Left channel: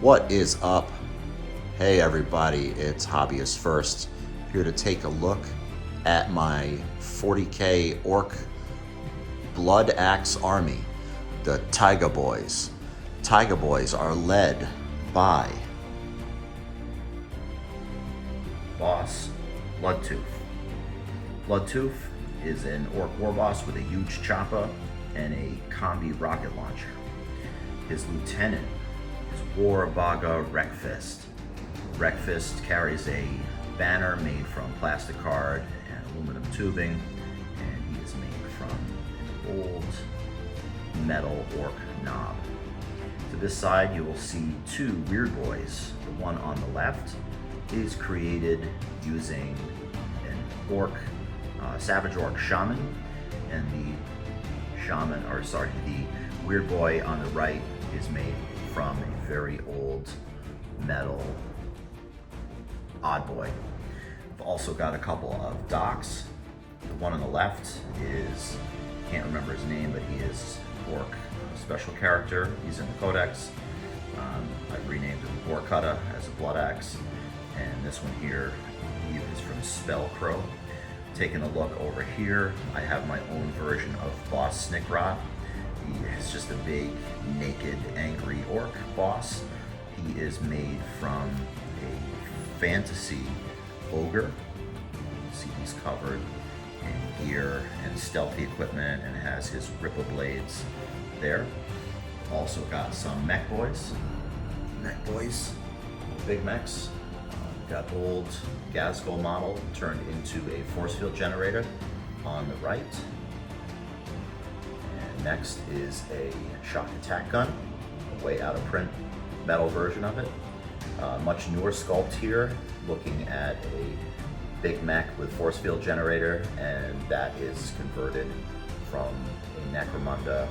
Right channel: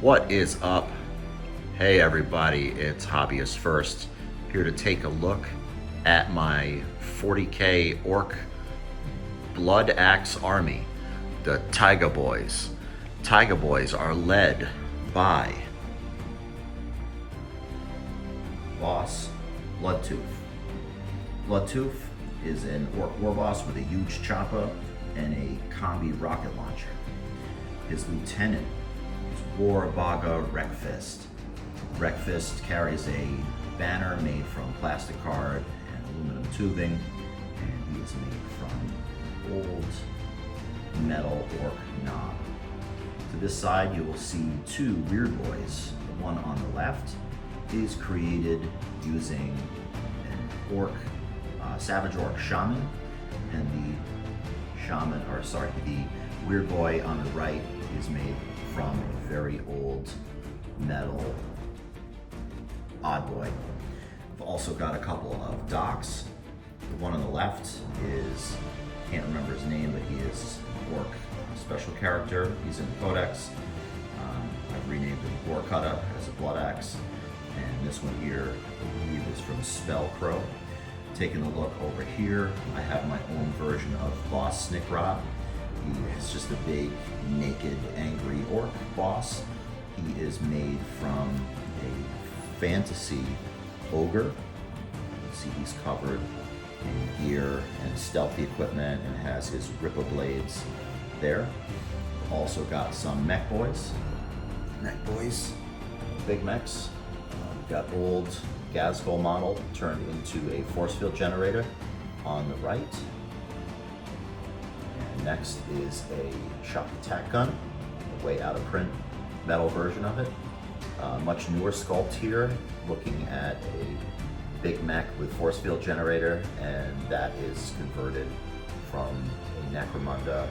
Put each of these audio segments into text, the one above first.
What is up? Hey everybody, it's Hobbyist First, here to take a look at my 40k orc blood axe army, the Taiga Boys. Taiga Boys are led by boss Bloodtooth. Bloodtooth is an orc war boss with a huge choppa and a combi rocket launcher. His lieutenant is Warhammer Wreckfist. Wreckfist carries a banner made from plastic card and aluminum tubing, and he is made from old metal orc knob. To this side you will see two weird boys. The one on the left is created using an orc, savage orc shaman, and the weird boy on the right is made from a very old metal odd boy. I've also got a couple of docks. The one on the left is, can't remember his name, but he is orc special character. He's in the codex. I've renamed him Orcutta as a blood axe. And this one here, I believe, is from Spellcrow. Taking a look over here, I have my own version of Boss Snickrot. He is just a big, naked, angry orc boss. He is made from a fantasy ogre. You can see he's covered in gear and stealthy equipment and has his Rippa blades there. Also got some mech boys. Big mechs. We've got old Gazgul model turned into a force field generator on the right. And next is a shock attack gun, a way out of print metal version of it. Much newer sculpt here, looking at a big mech with force field generator, and that is converted from a Necromunda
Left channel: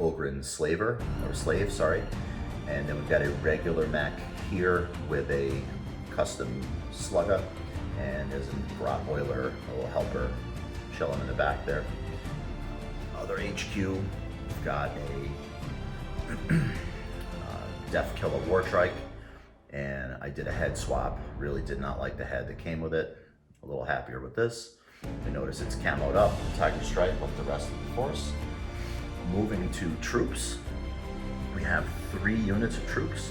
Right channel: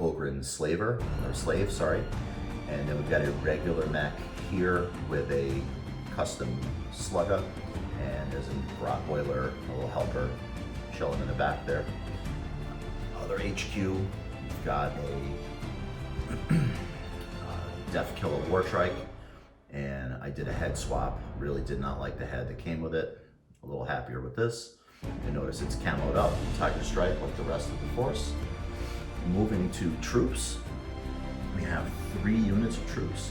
Ogryn slave. And then we've got a regular mech here with a custom slugger, and there's a Grot Oiler, a little helper chilling in the back there. Other HQ, we've got a Death Killer Wartrike, and I did a head swap. Really did not like the head that came with it. A little happier with this. I notice it's camoed up, Tiger Stripe like the rest of the force. Moving to troops, we have 3 units of troops.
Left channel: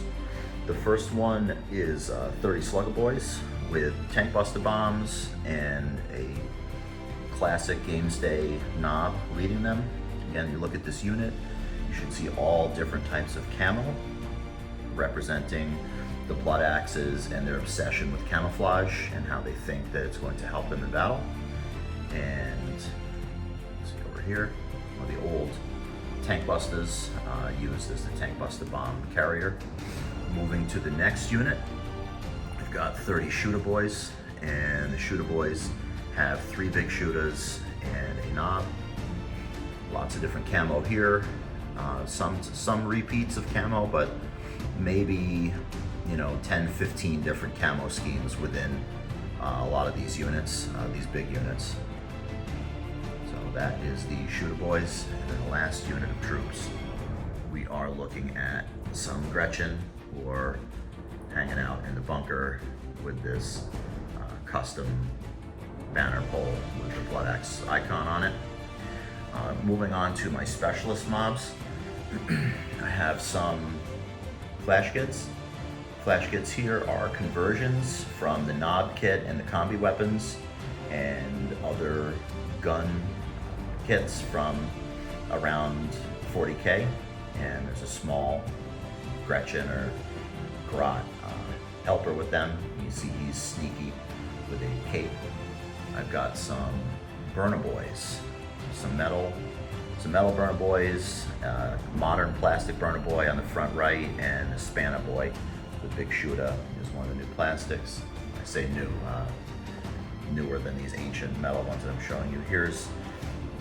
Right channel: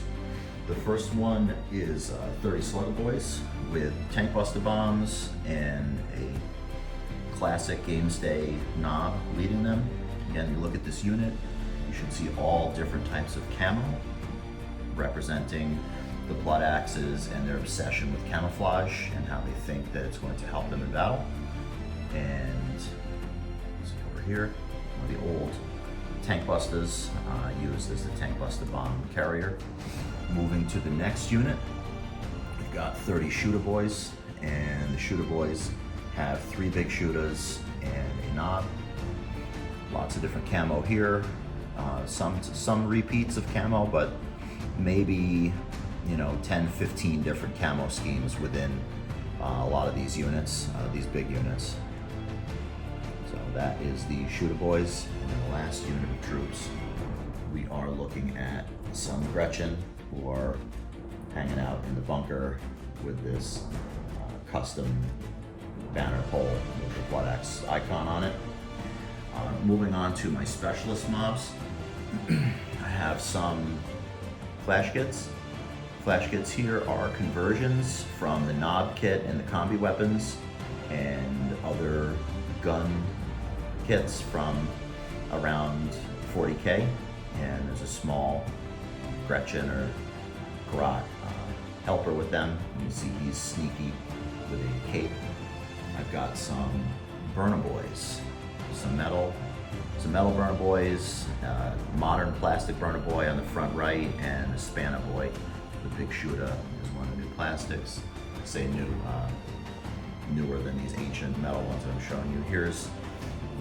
The first one is 30 Slugger Boys with tank buster bombs and a classic Gamesday knob leading them. Again, you look at this unit, you should see all different types of camo representing the blood axes and their obsession with camouflage and how they think that it's going to help them in battle. And see over here, one of the old tank busters used as the tank buster bomb carrier. Moving to the next unit, we've got 30 Shooter Boys, and the Shooter Boys have 3 big shooters and a knob. Lots of different camo here. Some repeats of camo, but maybe 10, 15 different camo schemes within a lot of these units, these big units. So that is the Shooter Boys. And then the last unit of troops, we are looking at some Gretchen, who are hanging out in the bunker with this custom banner pole with the Blood Axe icon on it. Moving on to my specialist mobs, I have some flash kits. Flash kits here are conversions from the knob kit and the combi weapons and other gun kits from around 40k. And there's a small Gretchen or Grot helper with them. You see he's sneaky with a cape. I've got some Burner Boys, some metal Burner Boys, modern plastic Burner Boy on the front right, and a Spanner Boy. The big shooter is one of the new plastics. I say new, newer than these ancient metal ones that I'm showing you. Here's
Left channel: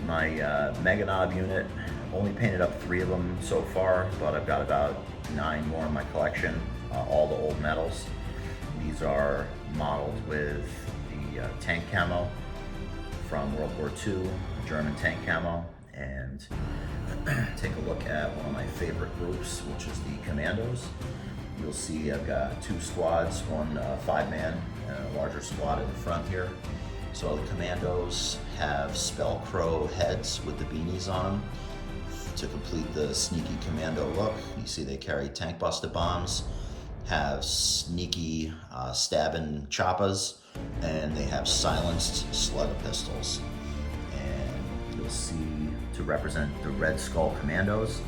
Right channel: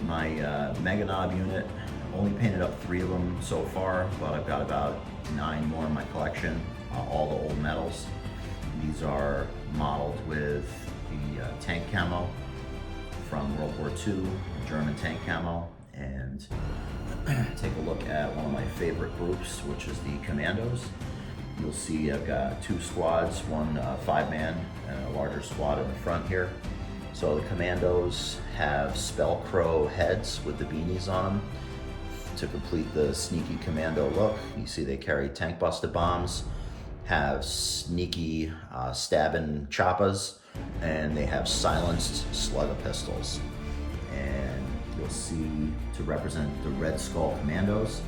my Mega Knob unit. Only painted up 3 of them so far, but I've got about 9 more in my collection, all the old metals. These are modeled with the tank camo from World War II, the German tank camo, and take a look at one of my favorite groups, which is the Commandos. you'll see I've got 2 squads, one 5-man and a larger squad in the front here. So the Commandos have Spellcrow heads with the beanies on them to complete the sneaky commando look. You see they carry tank buster bombs, have sneaky stabbing choppas, and they have silenced slugger pistols. And you'll see, to represent the Red Skull Commandos,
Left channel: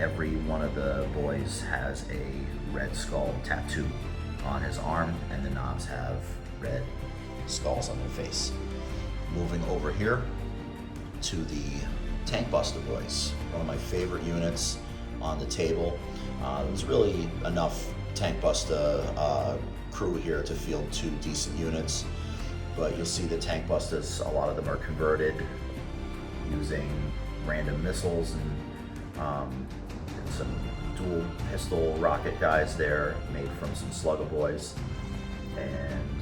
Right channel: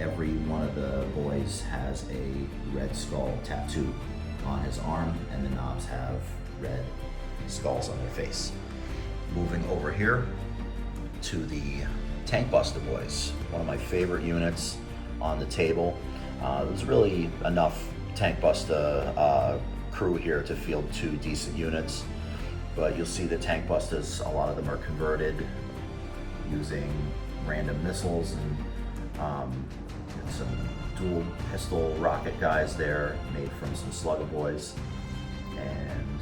every one of the boys has a Red Skull tattoo on his arm, and the knobs have red skulls on their face. Moving over here to the Tank Buster boys, one of my favorite units on the table. There's really enough Tank Buster crew here to field 2 decent units, but you'll see the Tank Busters, a lot of them are converted using random missiles and some dual pistol rocket guys there made from some slugger boys, and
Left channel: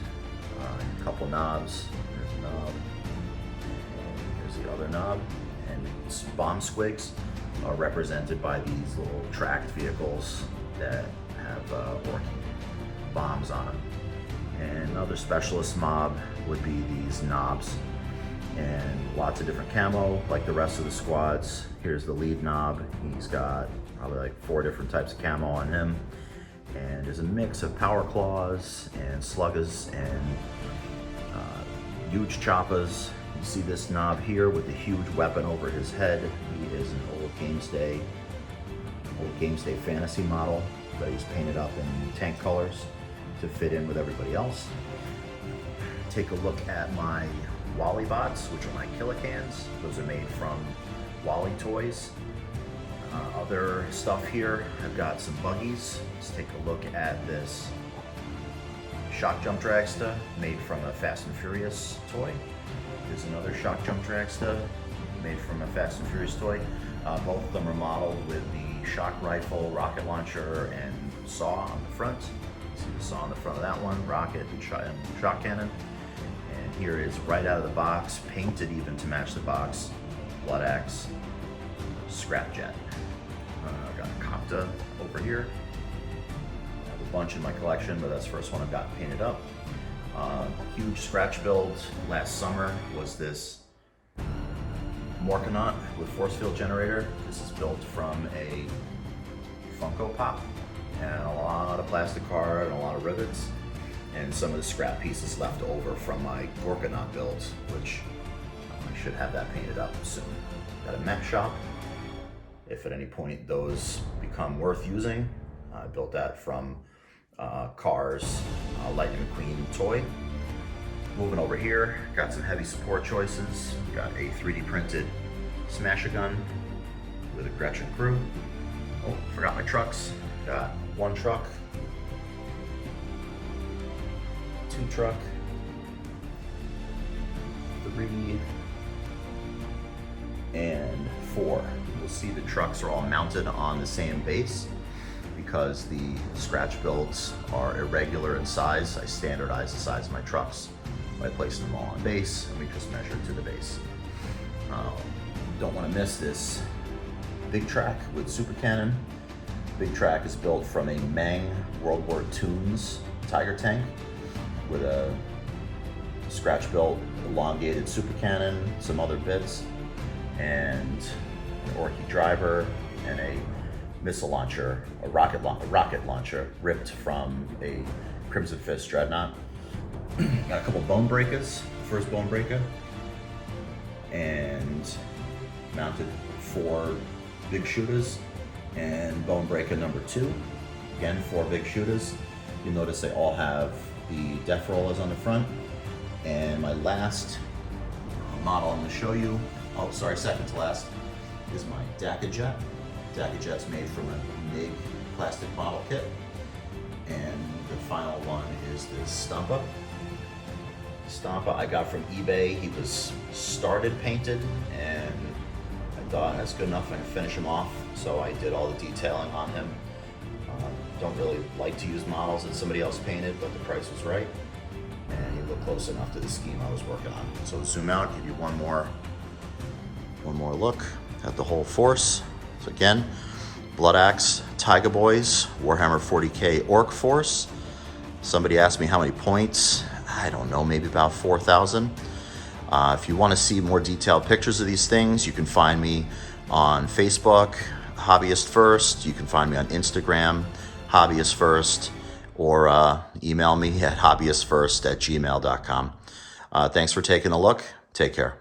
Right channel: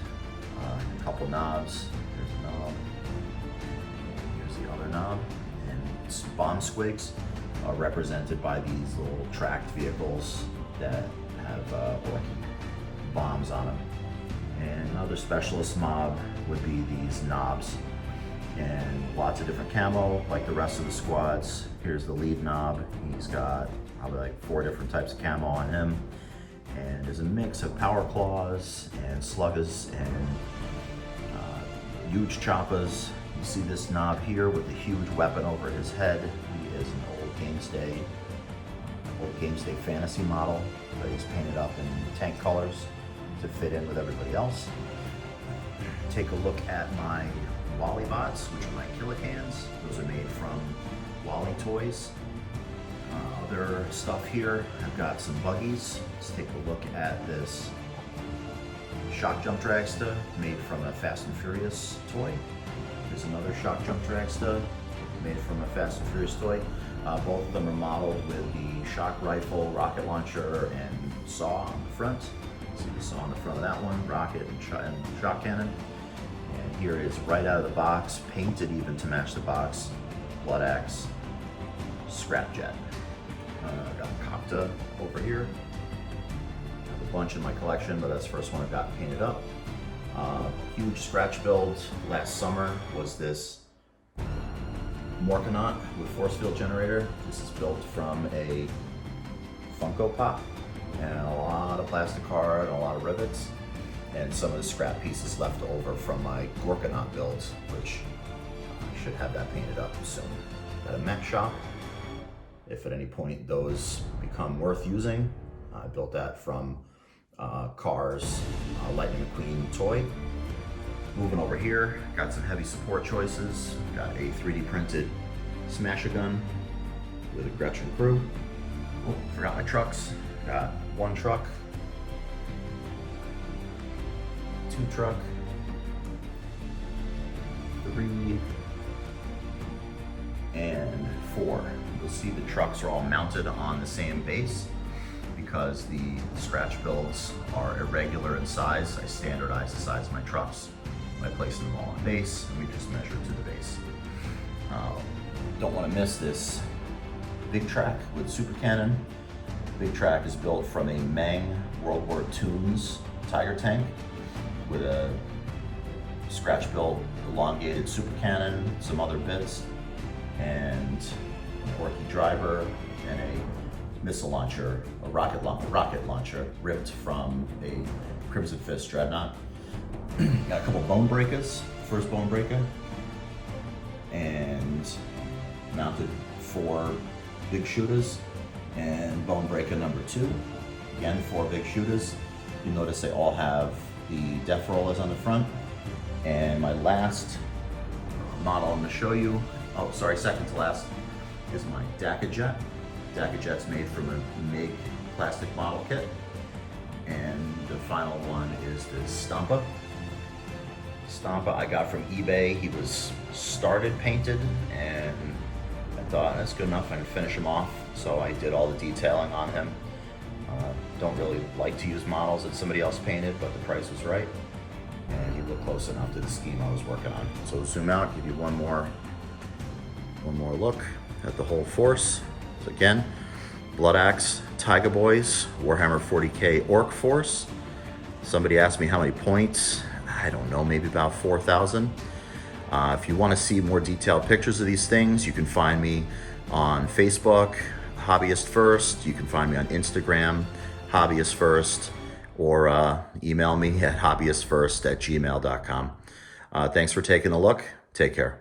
a couple knobs. Here's a knob, and here's the other knob, and bomb squigs are represented by these little tracked vehicles that have working bombs on them. And another specialist mob would be these knobs, and lots of different camo like the rest of the squads. Here's the lead knob. He's got probably like 4 different types of camo on him, and there's a mix of power claws and sluggers and huge choppas. You see this knob here with the huge weapon over his head. He is an old Games Day fantasy model that was painted up in tank colors to fit in with everybody else. Take a look at my Wally bots, which are my Killicans. Those are made from Wally toys. Other stuff here, I've got some buggies. Let's take a look at this shock jump dragster made from a Fast and Furious toy. Here's another shock jump dragster made from a Fast and Furious toy. Both of them are modeled with the shock rifle, rocket launcher, and saw on the front. See the saw on the front of that one, rocket and shock cannon. And here is right out of the box, painted even to match the box, blood axe, scrapjet. I've got a Copta over here. A bunch in my collection, but that's the first one I've got painted up. Huge scratch build last summer was this Morkanaut with force field generator. This is built from a Funko Pop and a lot of plastic card and a lot of rivets, and some of the scrap pieces left over from my Gorkanaut build, which I should have that painted up soon. Got a mech shop. If at any point those become worth using, I built that from Cars Lightning McQueen toy. Moving over here, got some heavy support choices. Got a 3D printed Smasher gun with a Gretchen crew. Oh, forgot my trucks. Got 1 truck, 2 truck, 3, and 4. You'll see the trucks are all mounted on the same base because the scratch builds are irregular in size. I standardize the size of my trucks. I place them all on base, and we just measure to the base. Don't want to miss this big track with super cannon. Big track is built from a Meng World War II's Tiger tank with a scratch built elongated super cannon, some other bits, and an Orky driver and a missile launcher, a rocket launcher ripped from a Crimson Fist dreadnought. Got a couple bone breakers, first bone breaker, and mounted 4 big shooters, and bone breaker number 2. Again, 4 big shooters. You'll notice they all have the death rollers on the front. And my last model I'm going to show you, oh sorry, second to last, is my DACA Jet. DACA Jet's made from a MIG plastic model kit. And the final one is this Stompa. Stompa I got from eBay. He was started painted, and I thought that's good enough. I can finish him off, so I did all the detailing on him. Don't really like to use models that somebody else painted, but the price was right, and he looked close enough to the scheme I was working on. So zoom out, give you one more look at the whole force. So again, blood axe, Tiger Boys, Warhammer 40k Orc Force. Somebody asked me how many points. I don't know, maybe about 4,000. If you want to see more detailed pictures of these things, you can find me on Facebook, Hobbyist First. You can find me on Instagram, Hobbyist First, or email me at hobbyistfirst@gmail.com. Thanks for taking a look. Take care.